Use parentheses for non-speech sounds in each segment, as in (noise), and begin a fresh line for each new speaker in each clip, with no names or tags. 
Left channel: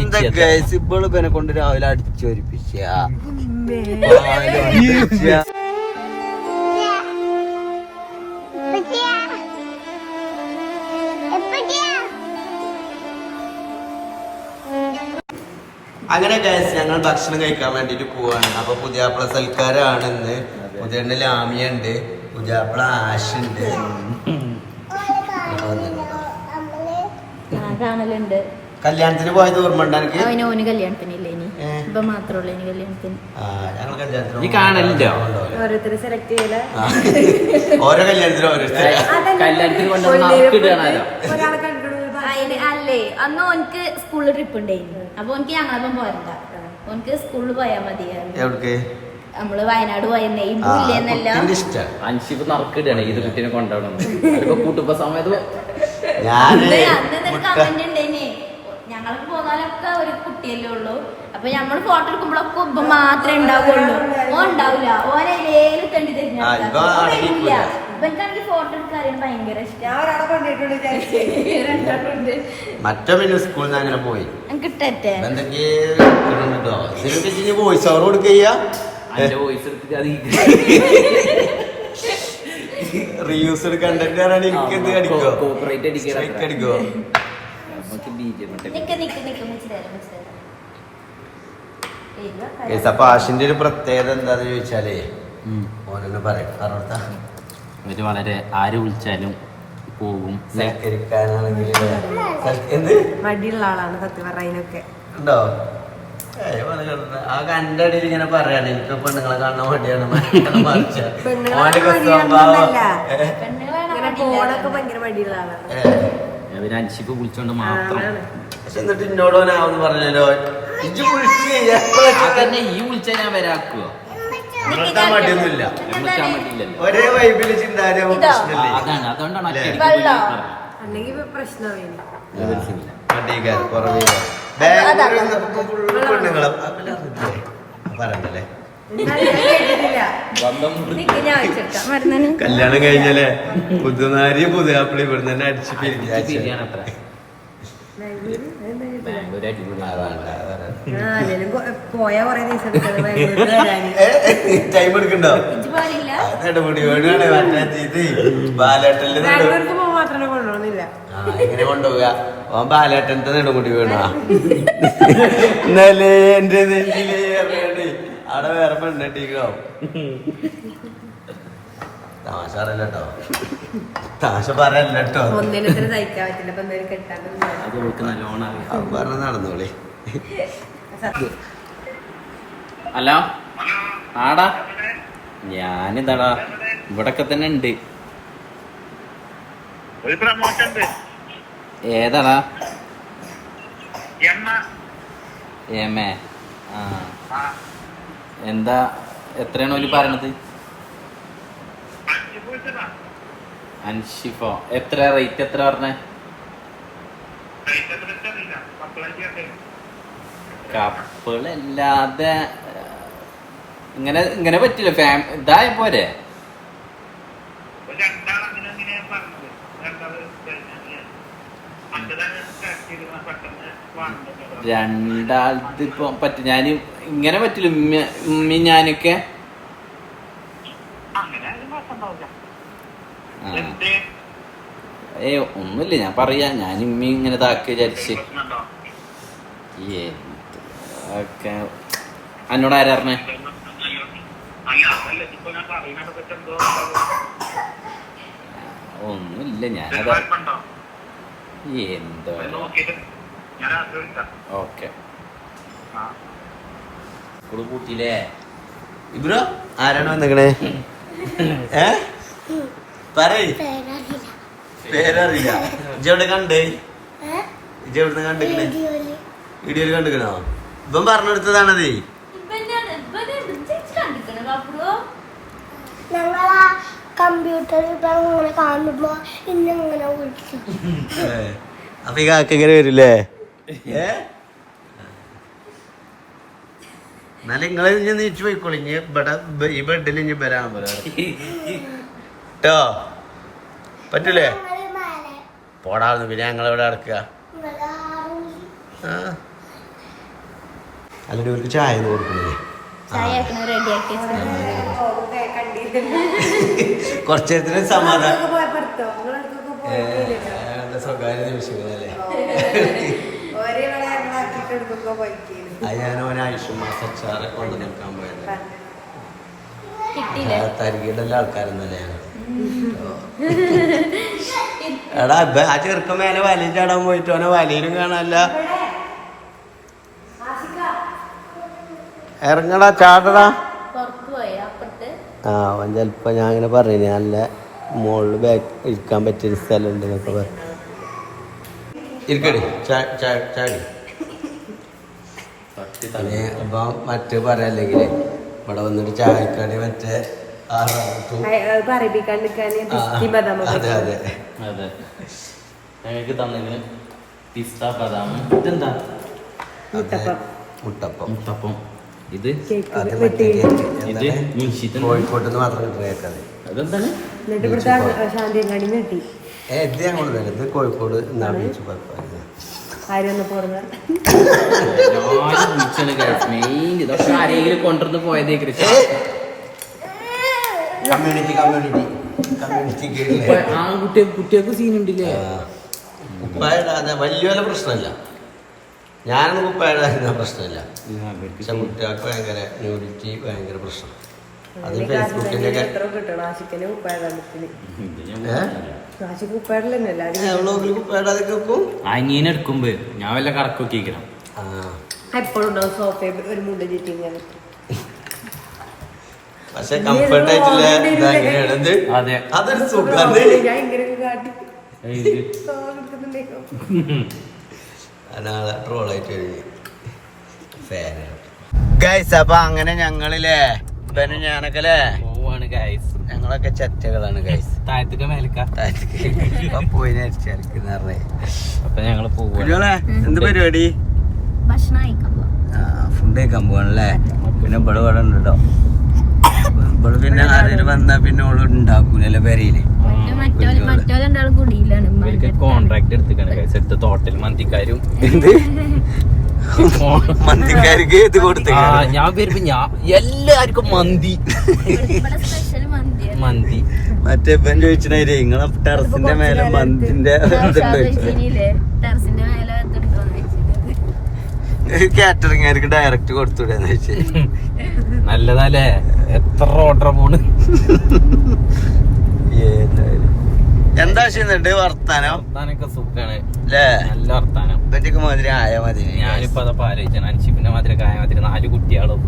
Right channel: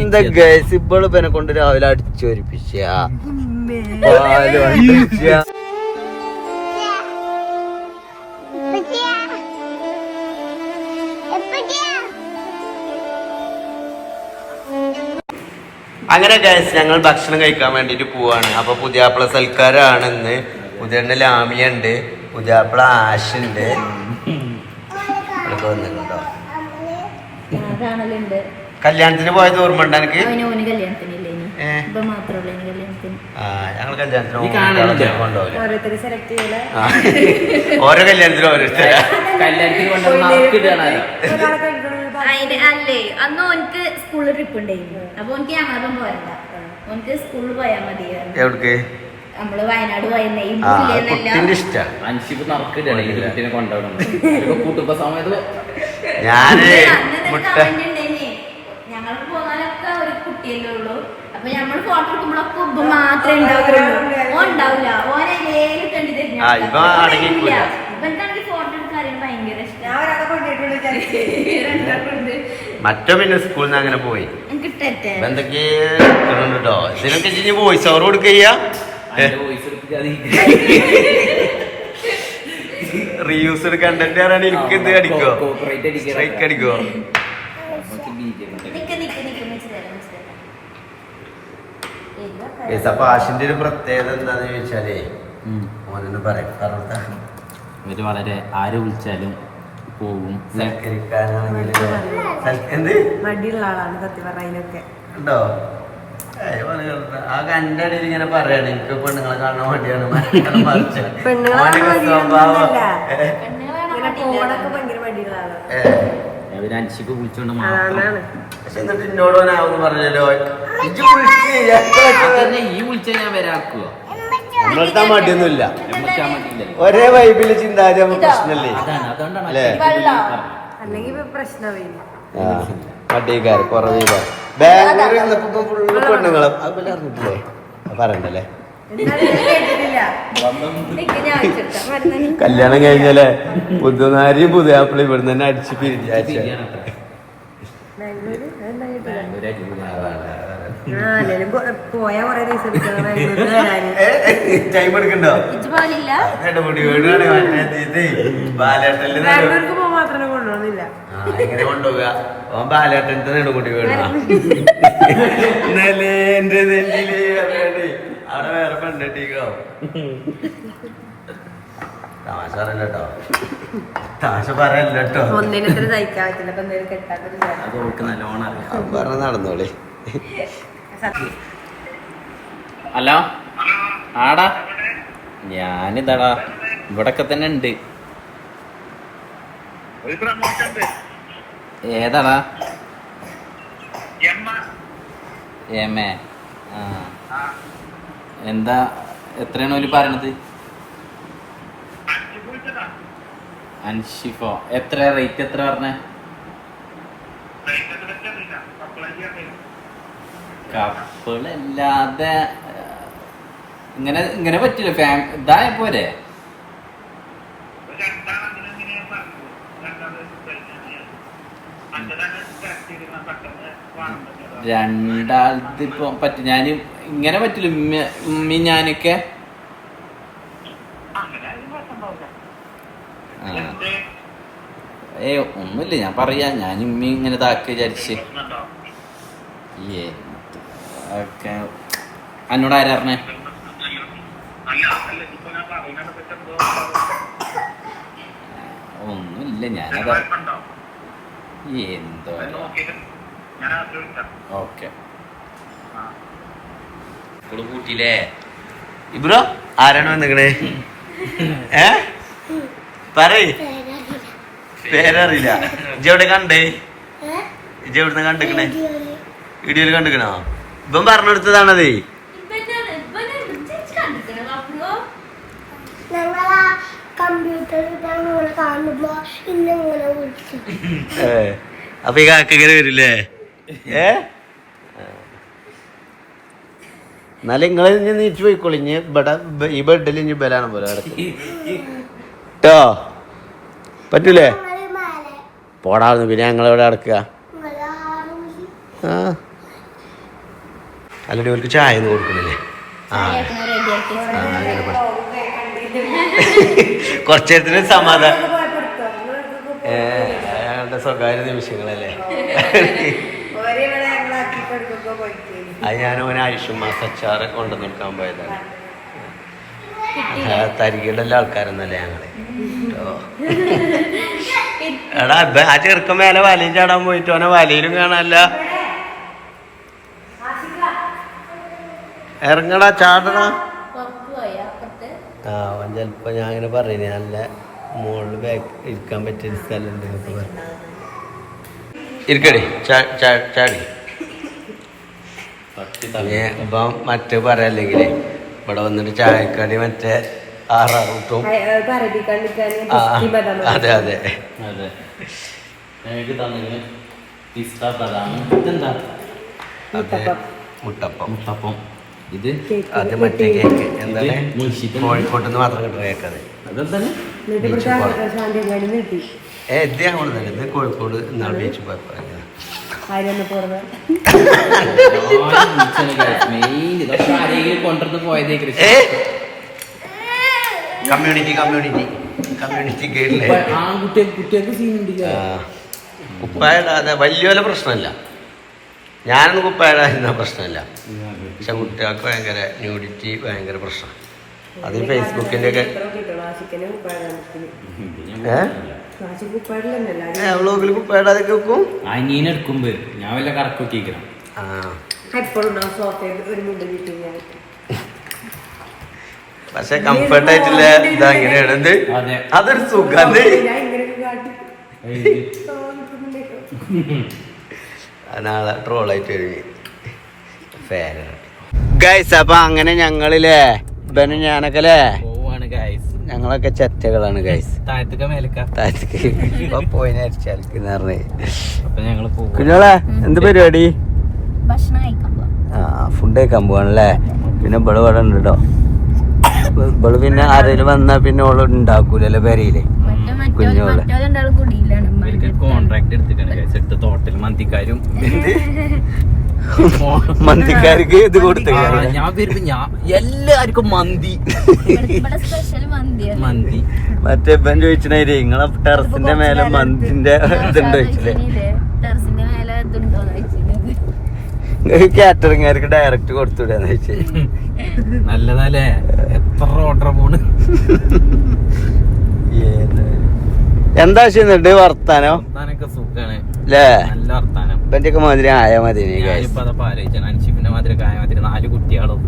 എന്താ ഗൈസ് ഇപ്പോൾ പെനെ എന്നെ കൊണ്ട് രാവിലെ അടിച്ചു വരിപ്പിച്ച അങ്ങനെ ഗൈസ് ഞങ്ങൾ ഭക്ഷണം കഴിക്കാൻ വേണ്ടിട്ട് പോവാണ്. അപ്പൊ പുതിയാപ്പിള സൽക്കാരാണ് ഇന്ന്. പുതിയ ലാമിയ ഉണ്ട് പുതിയാപ്പിള ആഷ് ഉണ്ട് വന്നിട്ടുണ്ടോ
കാണലുണ്ട്
കല്യാണത്തിന് പോയത് ഓർമ്മ ഉണ്ട് എനിക്ക്
അവന് ഓന് കല്യാണത്തിനില്ല ഇനി.
ഏ.
ഇപ്പൊ മാത്രമല്ല ഇനി കല്യാണത്തിന്.
ആ ഞങ്ങൾ കല്യാണത്തിന്
നീ കാണലുണ്ടോ?
കൊണ്ടുപോകില്ല
ഓരോരുത്തർ സെലക്ട് ചെയ്യല.
ഓരോ കല്യാണത്തിനും ഓരോരുത്തരാ
കല്യാണത്തിന് കൊണ്ട് മാർക്ക് ഇടുകയാണ്
ഒരാളെ കണ്ടിട്ടുള്ള
അല്ലേ അന്ന് ഓനക്ക് സ്കൂളിൽ ട്രിപ്പ് ഉണ്ടായിരുന്നു. അപ്പൊ ഓനക്ക് ഞങ്ങളപ്പം പോരണ്ട. ഓനക്ക് സ്കൂളിൽ പോയാൽ മതി
എവിടേക്ക്?
നമ്മൾ വയനാട് പോയെന്നേ ഈ
ആ
പുള്ളിയെന്നല്ല
കുട്ടിന്റെ ഇഷ്ടാണ്
അൻഷിപ്പ് നറുക്കിടുകയാണ് ഇത് കുട്ടീനെ കൊണ്ടുപോകണം. (laughs) അവരൊക്കെ കൂട്ടുമ്പോ സമയത്ത്
ഞാൻ
അന്ന്
മുട്ട.
ഞങ്ങൾക്ക് പോകാനൊക്കെ ഒരു കുട്ടിയല്ലേ ഉള്ളൂ. അപ്പൊ നമ്മൾ ഫോട്ടോ എടുക്കുമ്പോഴൊക്കെ ഉപ്പ മാത്രമേ ഉണ്ടാവുള്ളൂ. ഓ ഉണ്ടാവില്ല ഓനെ
ആ, ഇവൻ അടങ്ങിക്കൂല.
ഇവൻക്കാണെങ്കിൽ ഫോട്ടോ എടുക്കാൻ ഭയങ്കര
മറ്റോ പിന്നെ സ്കൂളിൽ നിന്ന് അങ്ങനെ പോയി. ഇപ്പൊ എന്തൊക്കെ കേട്ടോ ഇതിനൊക്കെ ഇനി വോയിസ് ഓവർ കൊടുക്കുക റീയൂസ്ഡ് കണ്ടന്റ് ആരാണ് എനിക്ക് എന്ത് അടിക്കോ സ്ട്രൈക്ക് അടിക്കോ? അപ്പൊ ആശിന്റെ ഒരു പ്രത്യേകത എന്താന്ന് ചോദിച്ചാലേ ഓനെന്ന് പറയും കാരണം
ഇവർ വളരെ ആര് വിളിച്ചാലും പോകും
മടിയുള്ള ആളാണ് സത്യം
ഉണ്ടോ? ഏയ് ഓനെ കണ്ടിട്ട് ആ കന്റെ അടിയിൽ ഇങ്ങനെ പറയാണ് എനിക്ക് പെണ്ണുങ്ങളെ കാണാൻ വേണ്ടിയാണ് സ്വഭാവം
പോണൊക്കെ ഭയങ്കര മടിയുള്ള ആളാണ്.
മാത്രം.
പക്ഷെ എന്നിട്ട് എന്നോട് പറഞ്ഞല്ലോ ഇജ്ജ്
തന്നെ ഈ ഞാൻ വരാക്കുക
നമ്മളെടുത്താ മടിയൊന്നുമില്ല.
എമ്മക്കാൻ വേണ്ടിയില്ലല്ലോ
ഒരേ വൈബിൽ നമുക്ക് പ്രശ്നമില്ലേ?
അതാണ്. അതുകൊണ്ടാണ്
അല്ലേ?
ഒറ്റയടിക്ക് വിളി പറഞ്ഞത്.
അല്ലെങ്കിൽ ഇപ്പൊ പ്രശ്നമില്ല
ബാംഗ്ലൂർ ഫുള്ള് പെണ്ണുങ്ങളും. അത് പിന്നെ പറയണ്ടല്ലേ
എന്താണ് ഞാൻ കേട്ടിട്ടില്ല
കല്യാണം കഴിഞ്ഞല്ലേ? പുതുനാരി പുതിയാപ്പിളി ഇവിടെ തന്നെ അടിച്ച്
ബാംഗ്ലൂരിൽ
ടൈം എടുക്കണ്ടോ? എങ്ങനെ കൊണ്ടുപോവുക. ഓൻ ബാലേട്ടനത്തെ നെടുമുടി വീടാ ഇന്നലെ (laughs) എന്റെ നെഞ്ചിലേ അറിയാണ്ട് അവിടെ വേറെ ഫ്രണ്ട് തമാശ താശ പറയല്ലോ
താശ
പറയല്ലോ പറഞ്ഞ നടന്നോളി.
ഹലോ? ആടാ. ഞാനിതാടാ. ഇവിടൊക്കെ തന്നെ ഉണ്ട്. ഏതാടാ?
എമ്മ
ഏമേ ആ.
ആ.
എന്താ എത്രയാണ് ഓൽ പറയണത്? അൻഷിഫോ. എത്ര റേറ്റ് എത്ര പറഞ്ഞേ? കപ്പിളല്ലാതെ ഇങ്ങനെ ഇങ്ങനെ പറ്റില്ല. ഫാം ഇതായ പോരെ
ഒരു രണ്ടാളങ്ങനെ അങ്ങനെ പറഞ്ഞത് രണ്ടാൾ കഴിഞ്ഞാൽ അഞ്ചതാണ് ടെസ്റ്റ് ചെയ്ത് പെട്ടെന്ന് വാങ്ങുന്നത്
രണ്ടാളത് ഇപ്പൊ പറ്റും ഞാൻ ഇങ്ങനെ പറ്റില്ല. ഉമ്മ ഞാനൊക്കെ. ഏ ഒന്നുമില്ല. ഞാൻ പറയാ. ഞാൻ ഉമ്മി ഇങ്ങനെ ഇതാക്കി വിചാരിച്ച്. ഒക്കെ എന്നോട് ആരാ പറഞ്ഞേ? ഒന്നുമില്ല. ഞാനത് എന്തോ ഓക്കെ
കൂട്ടിയില്ലേ? ഇബ്രോ ആരാണ് വന്നിക്കണേ? (laughs) ഏ? പറയ്. പേരറിയില്ല. ഇജ് എവിടെ കണ്ടേ? ഇജ്ജ് എവിടുന്ന് കണ്ടിക്കണേ? വീഡിയോയിൽ കണ്ടിക്കണോ? ഇവൻ പറഞ്ഞെടുത്തതാണതേ (laughs) അപ്പൊ ഈ കാക്കങ്ങനെ വരില്ലേ? ഏ? എന്നാലും നിങ്ങൾ ഇനി നീച്ചു പോയിക്കോളി. ഈ ബെഡിൽ ഇനി ബലാണ് പോലെ കേട്ടോ പറ്റൂലേ?
പോടാന്ന് മേലെ
പോടാർന്നു. പിന്നെ ഞങ്ങൾ ഇവിടെ അടക്കുക അല്ലെങ്കിൽ അല്ലടി ഓർക്ക് ചായ ഒന്നും കൊടുക്കണില്ലേ. (laughs) കുറച്ച് നേരത്തിന് സമാധാനം സ്വകാര്യ നിമിഷങ്ങളല്ലേ
ഒരേ ഇവിടെ ഞങ്ങളാക്കി കൊടുക്കുമ്പോ പോയിട്ട്
അത് ഞാൻ ഓനെ മാസച്ചാറ് കൊണ്ടു നിൽക്കാൻ പോയത്.
കിട്ടിയില്ല.
തരികിടല്ല ആൾക്കാരെന്നല്ലേ ഞങ്ങൾ. എടാ ആ ചെറുക്കൻ മേലെ വലയിൽ ചാടാൻ പോയിട്ട് ഓനെ വലയിലും കാണാനല്ല. ഇറങ്ങടാ ചാടടാ. ആ അവൻ ചിലപ്പോ ഞാൻ ഇങ്ങനെ പറഞ്ഞു നല്ല മുകളിൽ ബാക്ക് ഇരിക്കാൻ പറ്റിയൊരു സ്ഥലം എന്നൊക്കെ പറഞ്ഞു. ഇരിക്കടി ചാ- ചാ- ചാടി. ഇപ്പം മറ്റേ പറയല്ലെങ്കിൽ ഇവിടെ വന്നിട്ട് ചായക്കടി മറ്റേ ആറാറുട്ടും അതെ അതെ
അതെ ഞങ്ങൾക്ക് തന്നെ പിസ്ത ബദാം. ഇതെന്താ?
അതെ മുട്ടപ്പം.
മുത്തപ്പം ഇത്
അത് മറ്റേ കേക്ക്. എന്താണ്? കോഴിക്കോട്ട് നിന്ന്. മാത്രം കിട്ടുന്ന കേക്ക് അത് ഏ ഇത് ഞങ്ങൾ തന്നെ ഇത് കോഴിക്കോട് എന്നാണ് ബീച്ച് പോയപ്പോ
ആരൊന്ന് വലിയ
മെയിൻ ഇതൊക്കെ ആരെങ്കിലും കൊണ്ടുവന്ന് പോയതേ കൃഷി
കമ്മ്യൂണിറ്റി കമ്മ്യൂണിറ്റി കമ്മ്യൂണിറ്റി
ആ കുട്ടികൾക്ക് സീൻ ഉണ്ടില്ല?
കുപ്പായിടാതെ വലിയ പ്രശ്നമില്ല. ഞാനൊന്നും കുപ്പായിടാതിരുന്ന പ്രശ്നമില്ല. പക്ഷെ കുട്ടികൾക്ക് ഭയങ്കര ന്യൂഡിറ്റി ഭയങ്കര പ്രശ്നം. അത് ഫേസ്ബുക്കിന്റെ ഒക്കെ
എത്ര കിട്ടണം? ആശിക്കന് ഉപ്പായത്തിന്
ഏ?
ആശിക്ക് ഉപ്പായിട്ടില്ലല്ലോ
വ്ളോഗിൽ കുപ്പായിടാതെ വെക്കും
അനിയനെ എടുക്കുമ്പോ ഞാൻ വല്ല
ഞാൻ
പക്ഷെ കംഫർട്ട് ആയിട്ടില്ല ഇതാ
അതെ.
അതൊരു സുഖം
ഞാൻ ഇങ്ങനെ കാട്ടി.
നാളെ ട്രോളായിട്ട് ഗൈസ് അപ്പൊ അങ്ങനെ ഞങ്ങളില്ലേ ഇവനും ഞാനൊക്കെ അല്ലേ?
പോവാണ് ഗൈസ്
ഞങ്ങളൊക്കെ ചെറ്റകളാണ് ഗൈസ്
താഴത്തേക്ക് മേലക്ക
ഇപ്പൊ പോയിനെ അടിച്ചാലിക്കുന്ന പറഞ്ഞേ.
അപ്പൊ ഞങ്ങൾ
കുഞ്ഞോളെ എന്ത് പരിപാടി? ആ ഫുഡ് കഴിക്കാൻ പോവാണല്ലേ പിന്നെ ഇവൾ ഇവിടെ ഉണ്ട് കേട്ടോ ഇവൾ പിന്നെ ആരെങ്കിലും വന്നാ പിന്നെ ഓൾ ഉണ്ടാക്കൂലല്ലേ
പെരയിൽ.
കോൺട്രാക്ട് എടുത്തിട്ടാണ് തോട്ടൽ മന്തിക്കാരും.
എന്ത്? (laughs) (laughs) മന്തിക്കാർക്ക് ഇത് കൊടുത്തു
ഞാൻ വരുമ്പോ ഞാൻ എല്ലാവർക്കും മന്തി.
ഇവിടെ- ഇവിടെ സ്പെഷ്യൽ മന്തിയാണ്
മന്തി.
മറ്റേ ഇപ്പം ചോദിച്ചിട്ടേ നിങ്ങളെ ടെറസിന്റെ മേലെ മന്തിന്റെ കാറ്ററിംഗുകാർക്ക് ഡയറക്റ്റ് കൊടുത്തുവിടാന്ന് വെച്ചേ
നല്ലതല്ലേ? എത്ര ഓർഡർ പോണ്? (laughs)
എന്താ ചെയ്യുന്നുണ്ട് വർത്താനോ?
വർത്താനൊക്കെ സുഖാണ്. നല്ല വർത്താനം.
മാതിരി ആയ മതി
ഞാനിപ്പോ അൻഷിപ്പിന്റെ മാതിരി കായ മാതിരി നാല് കുട്ടികളും.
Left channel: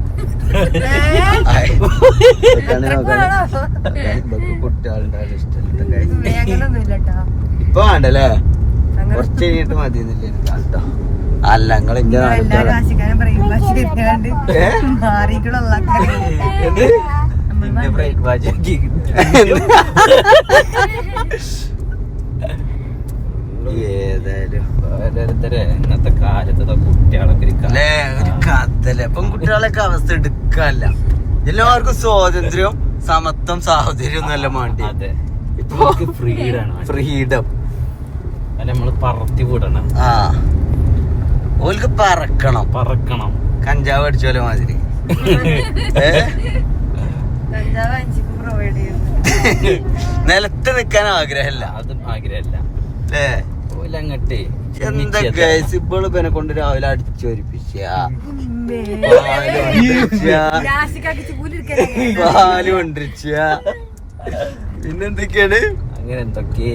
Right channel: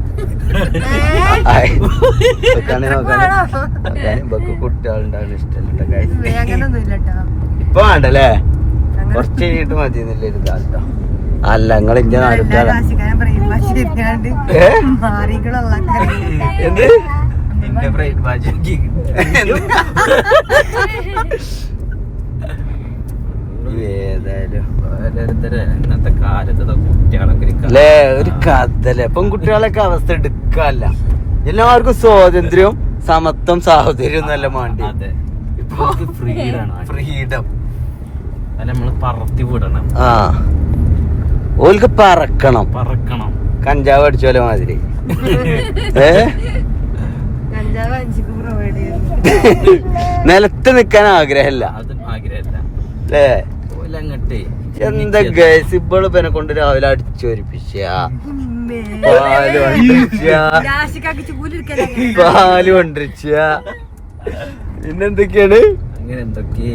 കുട്ടികളുണ്ടാണ് ഇഷ്ടപ്പെട്ട കാര്യം.
അങ്ങനൊന്നുമില്ല കേട്ടോ
ഇപ്പൊ വേണ്ടല്ലേ? കുറച്ച് കഴിഞ്ഞിട്ട് മതി എന്നല്ലേ ഒരു കാട്ടോ അല്ല നിങ്ങൾ
പറയുമ്പോ മാറികളുള്ള
എന്റെ ബ്രേക്ക്ഫാസ്റ്റ്
ഏതായാലും
ഓരോരുത്തര് ഇന്നത്തെ കാലത്ത് കുട്ടികളൊക്കെ ഒരു
കഥല്ലേ പെൺകുട്ടികളൊക്കെ അവസ്ഥ എടുക്കല്ല എല്ലാവർക്കും സ്വാതന്ത്ര്യവും സമത്വം സാഹോദര്യം നല്ല മാണ്ടി
അതെ ഇപ്പൊ ഫ്രീഡാണ്
ഫ്രീഡം
അല്ല നമ്മൾ പറത്തി വിടണം
ആ ഓൽക്ക് പറക്കണം
പറക്കണം
കഞ്ചാവ് അടിച്ചോലെ മാതിരി ഏ നിലത്ത് നിക്കാൻ ആഗ്രഹമില്ല.
അത് ആഗ്രഹമല്ല.
അല്ലേ
ഓലങ്ങട്ടെ
എന്താ ഗൈസ് ഇപ്പോൾ ഇവനെ കൊണ്ട് രാവിലെ അടിച്ചു വരിപ്പിച്ച
ആശിക്കാക്ക് ചൂലെടുക്കാൻ
പാൽ കൊണ്ടിരിച്ച. പിന്നെന്തൊക്കെയാണ്?
അങ്ങനെ എന്തൊക്കെ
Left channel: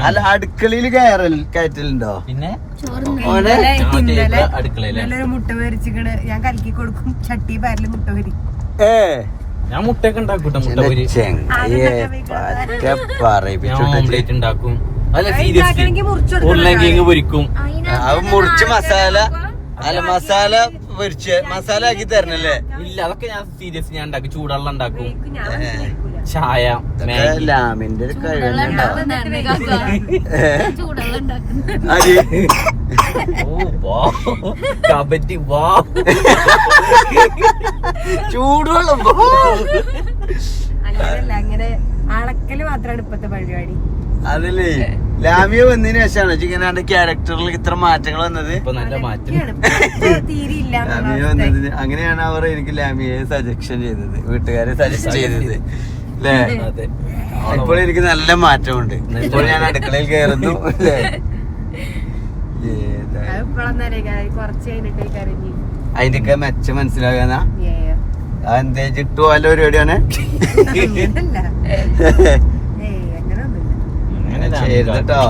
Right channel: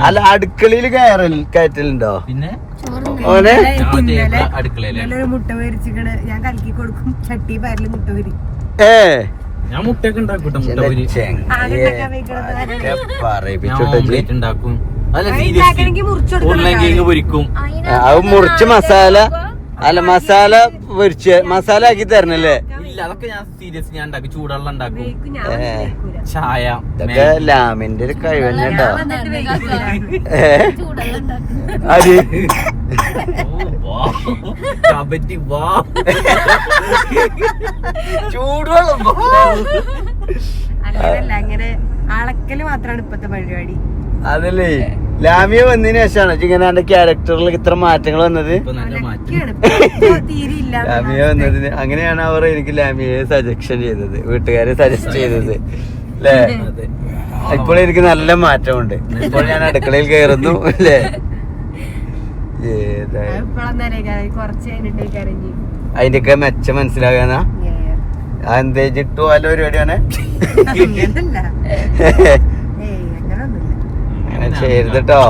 അല്ല അടുക്കളയിൽ കയറൽ കയറ്റലുണ്ടോ?
പിന്നെ?
മുട്ട പൊരിച്ചിക്കണ്. ഞാൻ കലക്കി കൊടുക്കും. ചട്ടി പാരിൽ മുട്ട പൊരി.
ഏ?
ഞാൻ മുട്ടയൊക്കെ ഉണ്ടാക്കൂട്ടോ മുട്ട
എന്റെ
പൊരി.
ചെങ്ങായിയെ
ഞാൻ
പറയിപ്പിച്ചോട്ടെ
ഓംലേറ്റ് ഉണ്ടാക്കും. അല്ല സീരിയസ്ലി ഉരുളൻ കിഴങ്ങ് പൊരിക്കും.
അത് മുറിച്ച് മസാല. അല്ല മസാല പൊരിച്ച് മസാല ആക്കി തരണല്ലേ?
ഇല്ല അതൊക്കെ ഞാൻ സീരിയസ് ഞാൻ ഉണ്ടാക്കും. ചൂടുവെള്ളം ഉണ്ടാക്കും. ചായ
ലാമിന്റെ ഒരു
ചൂടുള്ള.
ഓ, വാ. കബറ്റി വാ.
ചൂടുവെള്ളം.
അങ്ങനെയല്ല അങ്ങനെ അളക്കൽ മാത്രമാണ് ഇപ്പത്തെ പരിപാടി.
അതല്ലേ? ലാമിയ വന്നതിന് ശേഷമാണ് ഇങ്ങനെ ക്യാരക്ടറിൽ ഇത്ര മാറ്റങ്ങൾ വന്നത്.
ഇപ്പൊ നല്ല മാറ്റം.
ലാമിയ വന്നതിന് അങ്ങനെയാണ് അവർ എനിക്ക് ലാമിയെ സജക്ഷൻ ചെയ്തത്. വീട്ടുകാരെ സജസ്റ്റ് ചെയ്തത്. അല്ലേ
അതെ.
ഇപ്പോൾ എനിക്ക് നല്ല മാറ്റമുണ്ട്. ഇപ്പോൾ ഞാൻ അടുക്കളയിൽ കയറുന്നു അല്ലേ അതിന്റെയൊക്കെ മെച്ചം മനസ്സിലാകാനാ? എന്തേ? ചിട്ടു വല്ല പരിപാടിയാണ്
അങ്ങനല്ല ഏയ് അങ്ങനൊന്നുമില്ല
അങ്ങനെ ചെയ്തിട്ടോ?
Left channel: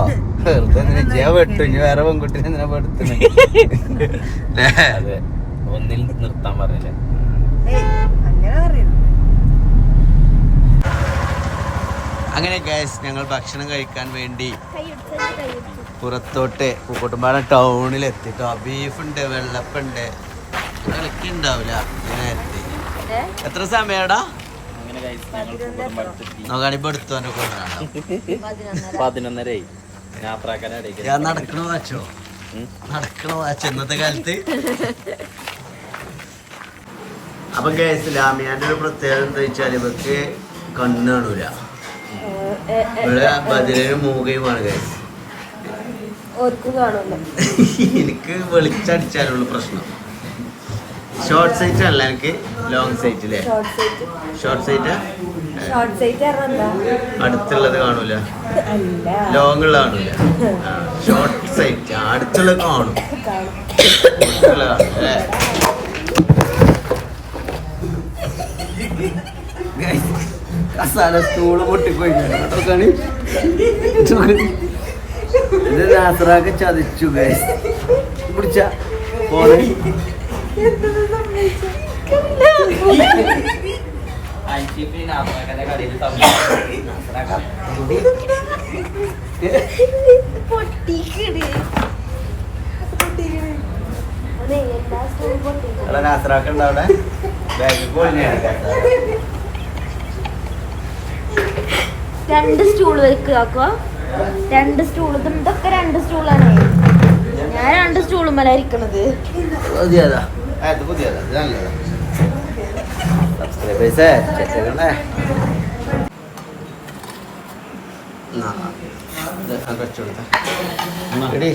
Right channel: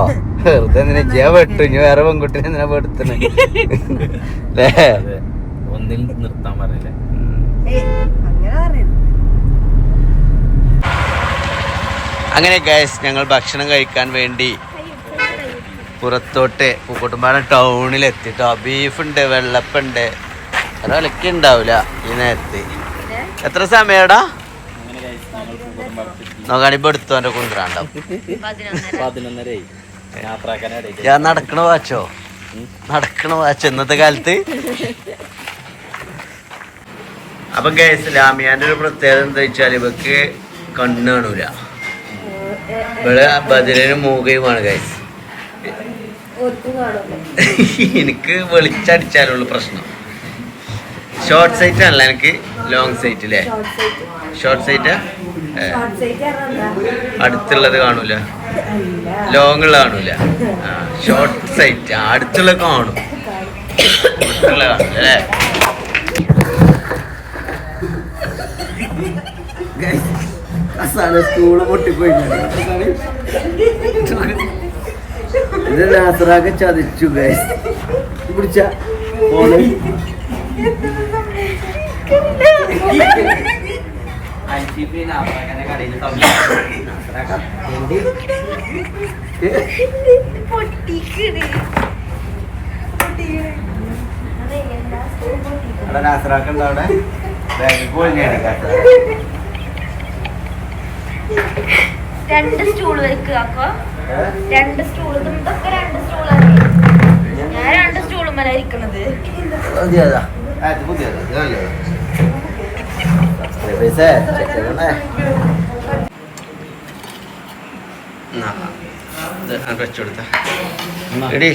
വെറുതെ എന്തിനാ ചെയ്യാൻ പെട്ടു ഇനി വേറെ പെൺകുട്ടിനെ എന്തിനാ പെടുത്തണേ (laughs) ല്ലേ?
അതെ. ഒന്നിൽ നിർത്താൻ പറഞ്ഞില്ലേ?
അങ്ങനെ
ഗൈസ് ഞങ്ങൾ ഭക്ഷണം കഴിക്കാൻ വേണ്ടി പുറത്തോട്ട് പൂക്കോട്ടുംപാറ ടൗണിൽ എത്തിട്ടോ ബീഫുണ്ട് വെള്ളപ്പുണ്ട്. ഒരാളൊക്കെ ഉണ്ടാവില്ല ഈ നേരത്തെ. എത്ര സമയടാ? നോക്കാണിപ്പോ എടുത്തോന്റെ കൊണ്ടുവരാണ്ടാവും
പതിനൊന്നരയായി. യാത്രാക്കാനിടയിൽ
ഞാൻ നടക്കണ വാച്ചോ? നടക്കണ വാച്ച് ഇന്നത്തെ കാലത്ത്? (laughs) അപ്പൊ ഗൈസ് ലാമിയാന്റെ ഒരു പ്രത്യേകത എന്താ വെച്ചാൽ ഇവക്ക് കണ്ണ് കാണൂല. ഇവിടെ ബദിലിന് മൂകയുമാണ് ഗൈസ് (laughs) എനിക്ക് വെളിച്ചടിച്ചാലുള്ള പ്രശ്നം. ഷോർട്ട് സൈറ്റ് അല്ല എനിക്ക്? ലോങ് സൈറ്റ് അല്ലേ ഷോർട്ട് സൈറ്റ് അടുത്തുള്ളത് കാണൂല. ലോങ് ഉള്ള കാണൂല. ഷോർട്ട് സൈറ്റ് അടുത്തുള്ള കാണും. അടുത്തുള്ള കാണും അല്ലേ കസാല സ്റ്റൂൾ പൊട്ടിപ്പോയി ഇത് നാസറാക്ക് ചതിച്ചു ഗൈസ് പിടിച്ച. ഫോണ്
യാത്രാക്കാന്റെ കടയിൽ
അവിടെ നാസറാക്ക് ഉണ്ടോ അവിടെ ബാഗ് കൊഴിഞ്ഞാണ്
രണ്ട് സ്റ്റൂൾ വെക്കുക രണ്ട് സ്റ്റൂൾ ഇതൊക്കെ രണ്ട് സ്റ്റൂളാണ് ഞാൻ രണ്ട് സ്റ്റൂളുമല്ല ഇരിക്കണത്.
പുതിയതാ. പുതിയതാ. നല്ലതാ. സബ്സ്ക്രൈബേഴ്സേ ചെക്ക് ചെയ്യണേ ഇത് കൊടുത്ത എടി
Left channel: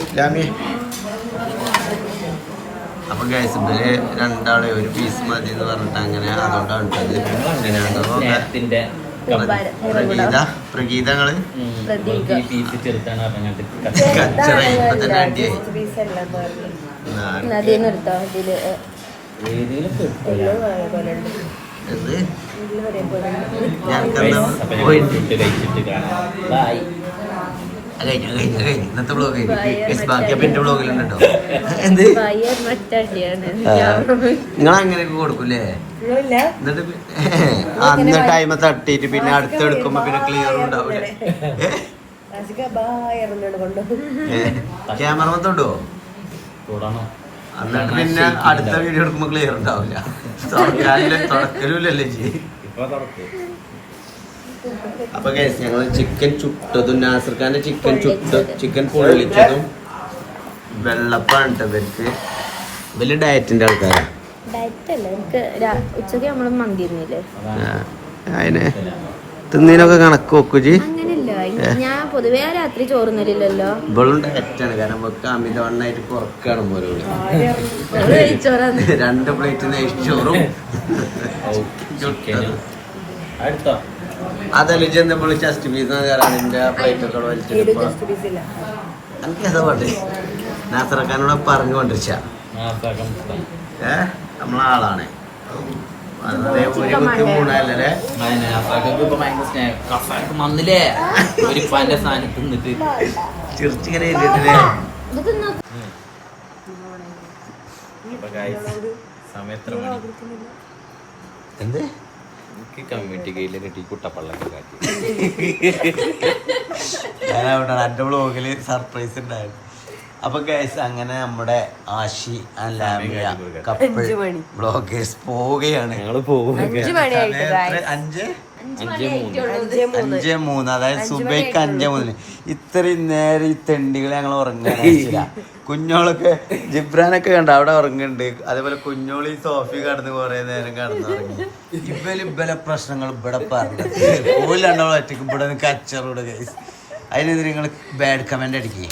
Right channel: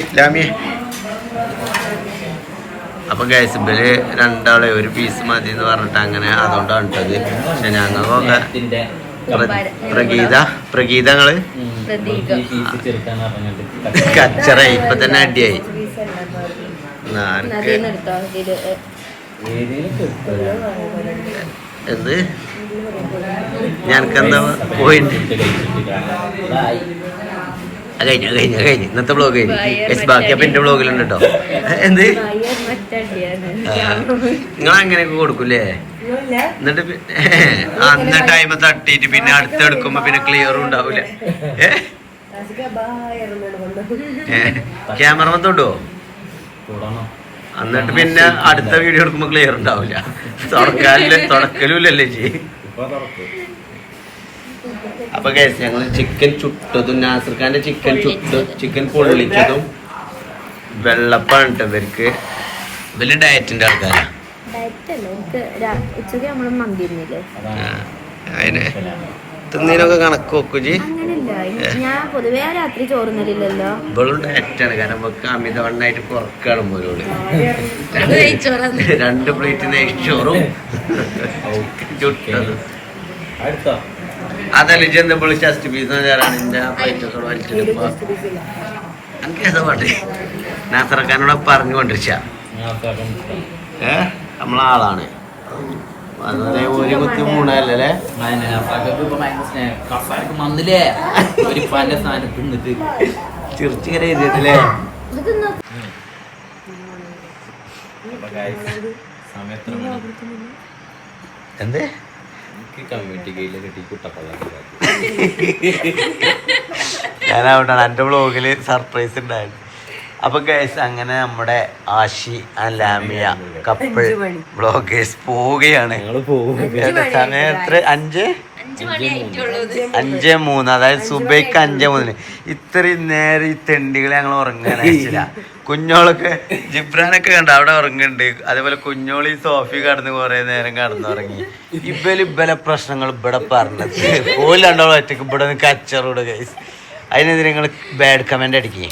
അപ്പൊ ബിൽ രണ്ടാളെ ഒരു പീസ് മതി എന്ന് പറഞ്ഞിട്ട് അങ്ങനെ അതുകൊണ്ടാണ് ഇട്ടത് പക്ഷെ ഞങ്ങൾക്കൊക്കെ
പ്രഗീത
പ്ര- പ്രഗീത
പ്രഗീതങ്ങൾ?
കച്ചറ ഇപ്പൊ തന്നെ അടിയായി. എന്ത്? ഞാനെന്താ പോയിന്റ് കഴിഞ്ഞു കഴിഞ്ഞു കഴിഞ്ഞു. ഇന്നത്തെ ബ്ലോഗ് കഴിഞ്ഞു. ബാക്കി അപ്പൊ എന്റെ ബ്ലോഗിലുണ്ട് കേട്ടോ എന്ത്? നിങ്ങൾ അങ്ങനെയൊക്കെ കൊടുക്കൂലേ എന്നിട്ട് അന്ന് ടൈം തട്ടിയിട്ട് പിന്നെ അടുത്ത് എടുക്കുമ്പോ പിന്നെ ക്ലിയറും ഉണ്ടാവൂല. ക്യാമറ തൊട്ടോ
കൂടണോ?
എന്നിട്ട് പിന്നെ അടുത്ത വീഡിയോ എടുക്കുമ്പോ ക്ലിയർ ഉണ്ടാവില്ല. (laughs) തുടക്കാലില്ല തുടക്കലുമില്ലല്ലേ ജി? അപ്പൊ കേസ് ഞങ്ങൾ ചിക്കൻ ചുട്ടതും നാസർ ഖാന്റെ ചിക്കൻ ചുട്ട് ചിക്കൻ പൊള്ളിച്ചതും വെള്ളപ്പാണ് ഇവർക്ക്. വലിയ ഡയറ്റിന്റെ ആൾക്കാരാ.
ഡയറ്റ് അല്ല ഉച്ചയ്ക്ക് നമ്മൾ മന്തി
തിന്നതിനൊക്കെ കണക്ക് നോക്കുജി
അങ്ങനെയല്ല. ഞാൻ പൊതുവേ രാത്രി ചോറുന്നില്ലല്ലോ
ഇവളും ഡയറ്റാണ് കാരണം ഇവക്ക് അമിതവണ്ണായിട്ട് പുറക്കാണ് പോലോട് രണ്ട് പ്ലേറ്റ് നെയ്ച്ചോറും ചുട്ടതും. അതല്ല പീസ് പ്ലേറ്റ് ഒക്കെ എനിക്ക് ഏതാ പാട്ട് നാസറക്കാനോട് പറഞ്ഞുകൊണ്ടിരിച്ച. ഏ? നമ്മളാളാണ്. അതുപോലെ ഒരു
പന്റെ തിന്നിട്ട്
ചിരിച്ചിങ്ങനെ എന്ത്?
എനിക്ക് കമ്മ്യൂണിറ്റി കയ്യിൽ കിട്ടി കുട്ടപ്പള്ളൊക്കെ
ഞാൻ അവിടെ എന്റെ ബ്ലോഗിൽ സർപ്രൈസ് ഉണ്ടായിരുന്നു അപ്പൊ ഗൈസ് അങ്ങനെ നമ്മുടെ Ashi and Lamiya couple bloggers പോവുകയാണ്. സമയം എത്ര അഞ്ച് അഞ്ചേ? മൂന്ന്. അതായത് സുബൈക്ക് അഞ്ചേ മൂന്നിന്. ഇത്രയും നേരം ഈ തെണ്ടികളെ ഞങ്ങൾ ഉറങ്ങാനായിട്ടില്ല കുഞ്ഞോളൊക്കെ ജിബ്രാനൊക്കെ കണ്ട? അവിടെ ഉറങ്ങുന്നുണ്ട്. അതേപോലെ കുഞ്ഞോളി സോഫി കടന്ന് കുറെ നേരം കടന്നുറങ്ങി ഇബൽ ഇബലെ പ്രശ്നങ്ങൾ ഇവിടെ പറഞ്ഞത്. പോലും രണ്ടോളം ഒറ്റയ്ക്ക് ഇവിടെ നിന്ന് കച്ചറൂടെ കൈസ് അതിനെതിരെ നിങ്ങൾ ബാഡ് കമന്റ് അടിക്കേ.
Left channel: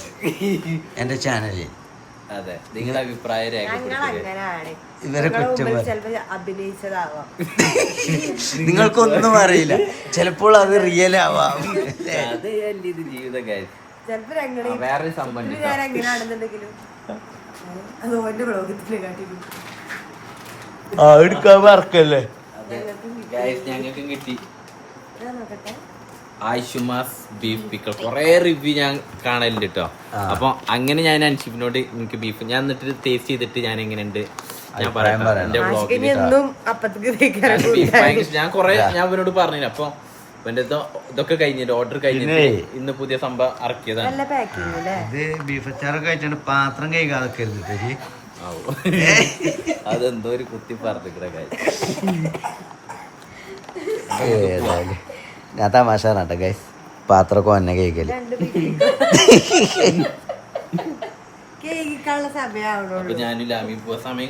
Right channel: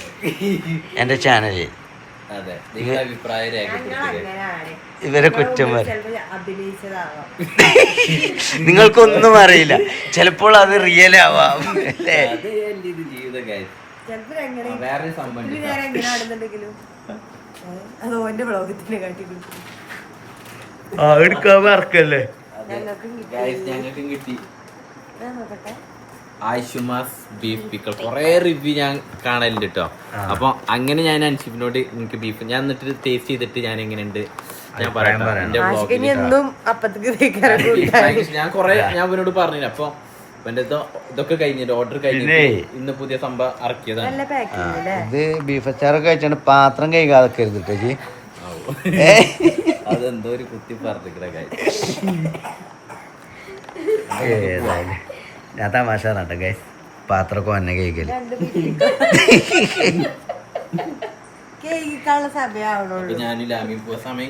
എന്റെ ചാനലിൽ
അതെ നിങ്ങളുടെ അഭിപ്രായം രേഖപ്പെടുത്തുക
അങ്ങനെയാണ്
ഇവരെ കുറ്റം നിങ്ങൾക്കൊന്നും അറിയില്ല. ചിലപ്പോൾ അത് റിയൽ ആവാം അല്ലേ?
ജീവിത സംഭവം
കാട്ടിക്കും.
ആ എടുക്കാൻ മറക്കല്ലേ
ഞങ്ങൾക്കും കിട്ടി.
നോക്കട്ടെ.
ആയിഷുമാസ് ബീഫ് പിക്കൾ കൊറേ റിവ്യൂ ഞാൻ കാണലുണ്ട് കേട്ടോ അപ്പൊ അങ്ങനെ ഞാൻ അൻഷിപ്പിനോട് എനിക്ക് ബീഫ് ഞാൻ എന്നിട്ട് ടേസ്റ്റ് ചെയ്തിട്ട് ഞാൻ എങ്ങനെയുണ്ട് ഞാൻ പറയാം. എന്റെ ഞാൻ കൊറേ ഞാൻ ഇവനോട് പറഞ്ഞില്ല അപ്പൊ ഇവന്റെ ഇതൊ- ഇതൊക്കെ കഴിഞ്ഞിട്ട് ഓർഡർ കഴിഞ്ഞിട്ട് ഇന്ന് പുതിയ സംഭവം ഇറക്കിയതാണ്.
ഇത് ബീഫ് അച്ചാറൊക്കെ കഴിച്ചാണ് പാത്രം കൈകാതെ കരുതിട്ടേക്ക്
അതെന്തോ ഒരു കുത്തി പറഞ്ഞിക്കണ കാര്യം.
ഏതായാലും. ഞാൻ തമാശ പറഞ്ഞാട്ടെ ഗൈസ് പാത്രമൊക്കെ ഒന്നെ കഴിക്കൽ
രണ്ട് കേക്കിക്കാനുള്ള (laughs) സമയമാവണുള്ളൂ.
അപ്പൊ ഞാനും ലാമി പോവാ. സമയം